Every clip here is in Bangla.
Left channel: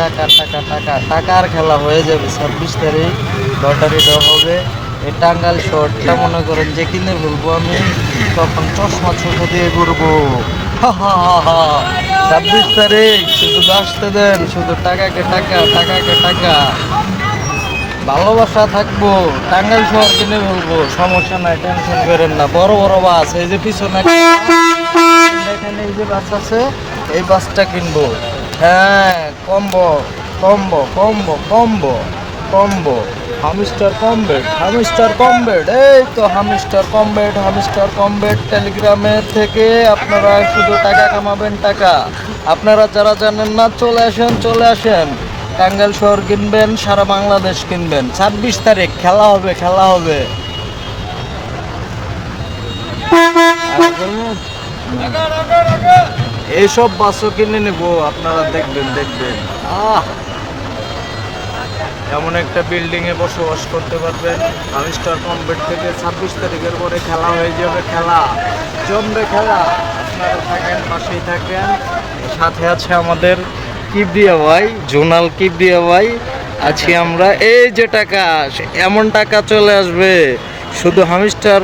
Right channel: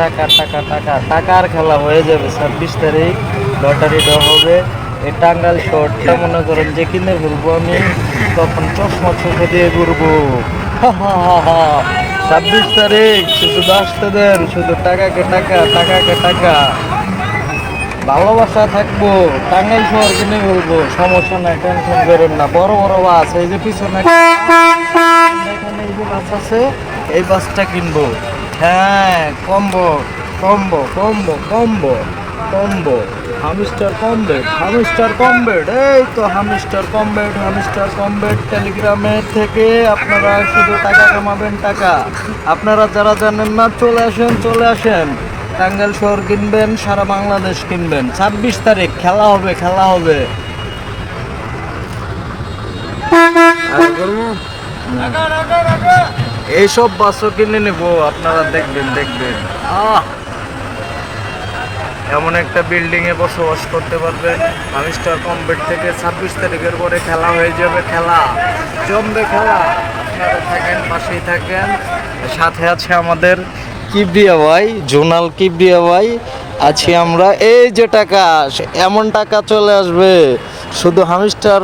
টাকা টাকা টাকা টাকার খেলা হয়ে যাবে ছাব্বিশ তারিখ লটারি দেওয়া হবে। এই টাঙ্গাল শহরটা মনে করেন যে কিনে বলব আমি তখন চশমা চোখে দিয়ে ঘুরবো। ছাব্বিশ তারিখ শুধু আসতে দেন শুধু টাকাকে টাকা টাকাকে টাকা। ভালোবাসা থাকব টাঙ্গাইল শহর কিনে বলব সমস্যা নাই টেনশন করেন না। বড় বড় বাস এই যে পিছনে এখানে এই যে বাস আছে এই বাসটা কিনবো। হ্যাঁ combo combo combo combo combo. Hamster কমবেড হামিস্টার কমবেড এই তো হামিস্টার কমবেড হামিস্টার কমবেড টেলিগ্রামের থেকে আপনারা শুধু টাকা কামাবেন টাকা। আপনারা যারা জানেন না চলে আসেন চলে আসেন। টাঙ্গাইল শহর কিনবেন সারা বাংলাদেশ কিনবেন। ছাব্বিশ তারিখ খেলা হবে খেলা হবে। এইসব বাসও কিনে নেব, আপনারা দেখবেন দেখবেন। আহ! এমন একটা বিল্ডিং এ বসবাস করতে পারবেন। আমিস্টার কমবেট থেকে ছাব্বিশ তারিখের পরে খেলা হয়ে যাবে, খেলা। জমবে খেলা। আপনারা থাকেন, পাশেই থাকেন। সাথে আছে আমাদের কিবরিয়া ভাই, জোনাল কিবরিয়া ভাই। আছি আমরা। এই যে টাকা এমন টাকা চলে আসবে। শুধু হামিস্টার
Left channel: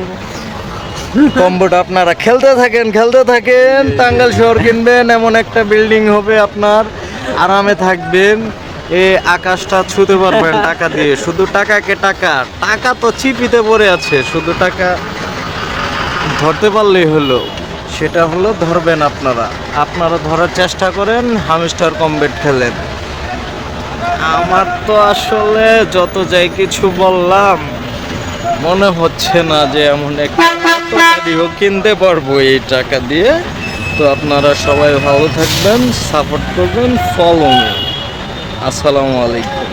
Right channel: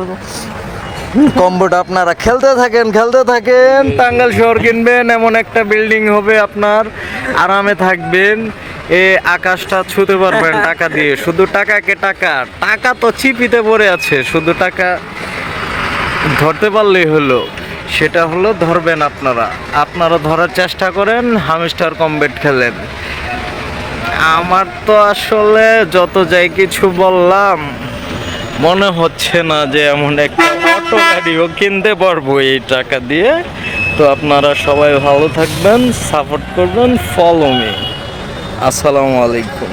কম্বোটা আপনারা খেলতে থাকেন খেলতে থাকেন। টাঙ্গাল শহর কিনবেন এমন একটা বিল্ডিং হবে আপনার। আরামে থাকবেন। এ আকাশটা ছুতে পারবেন টাকা দিয়ে। শুধু টাকাকে টাকা? টাকা তো চিপিতে পড়ে আছে। শুধু টাকা ধরতে পারলেই হলো। সেটা হলো ধরবেন আপনারা। আপনারা ধরার চেষ্টা করেন হামিস্টার কমবেট খেলেন। আমার তো আসলে যত যাই কিছু বললাম মনে হচ্ছে না যে এমন একটা কিনতে পারব এই টাকা দিয়ে। তো আপনারা সবাই ভালো থাকবেন, সাপোর্ট করবেন ফলো মি আসসালামু আলাইকুম।